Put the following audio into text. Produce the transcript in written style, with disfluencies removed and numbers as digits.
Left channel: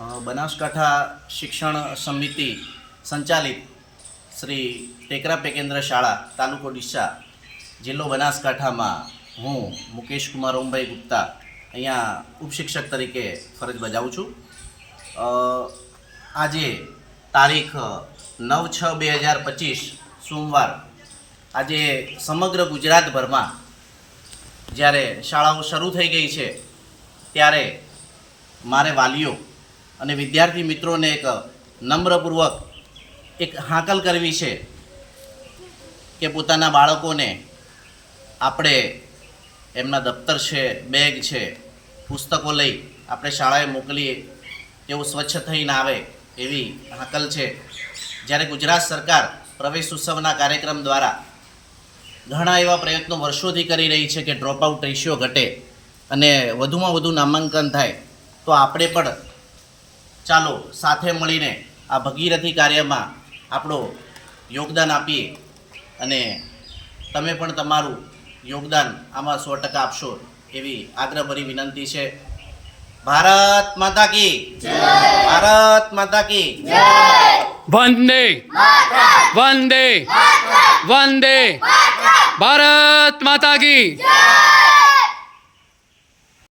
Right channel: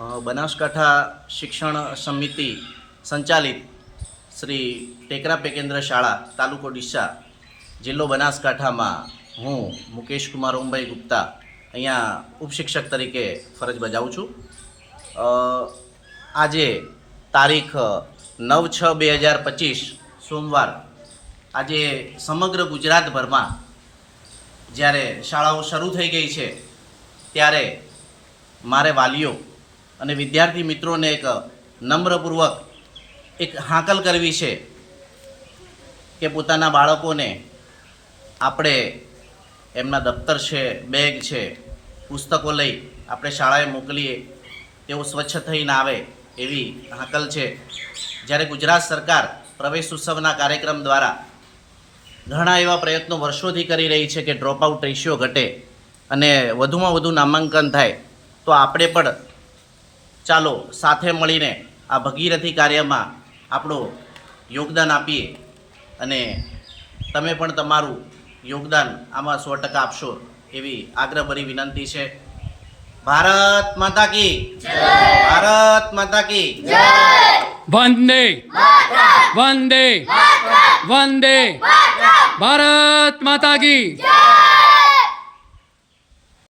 બનાસકાંઠા શિક્ષણ સમિતિ સંચાલિત શ્રી ટેકરા પેકેન્દ્ર શાળા તાલુકો ડીસા જિલ્લો બનાસકાંઠામાં હું મુકેશ કુમાર ઓમભાઈ ગુપ્તા અહીંયા ઉપશિક્ષક તરીકે ફરજ બજાવું છું. આજે તારીખ 9/6/2025 સોમવાર આજે સમગ્ર ગુજરાતભરમાં જ્યારે શાળાઓ શરૂ થઈ ગઈ છે ત્યારે મારે વાલીઓ અને વિદ્યાર્થી મિત્રોને એક નમ્રપૂર્વક એક હાકલ કરવી છે કે પોતાના બાળકોને આપણે એમના દફતર છે, બેગ છે, પુસ્તકો લઈ આપણે શાળાએ મોકલીએ તેઓ સ્વચ્છ થઈને આવે એવી હાકલ છે. જ્યારે ગુજરાત સરકાર પ્રવેશ ઉત્સવના કાર્યક્રમ દ્વારા ઘણા એવા પ્રયત્નો વર્ષોથી કરી રહી છે કે ડ્રોપ આઉટ રેશિયો ઘટે અને વધુમાં વધુ નામાંકન થાય, તો આપણે પણ ચાલો સાથે મળીને આ ભગીરથી કાર્યમાં આપણું યોગદાન આપીએ અને તમે પણ તમારું યોગદાન આમાં 100% આપશો એવી આગ્રહભરી વિનંતી છે. ભારત માતા કી જય! ભારત માતા કી જય! વંદે વંદે વંદે ભારત માતા કી જય!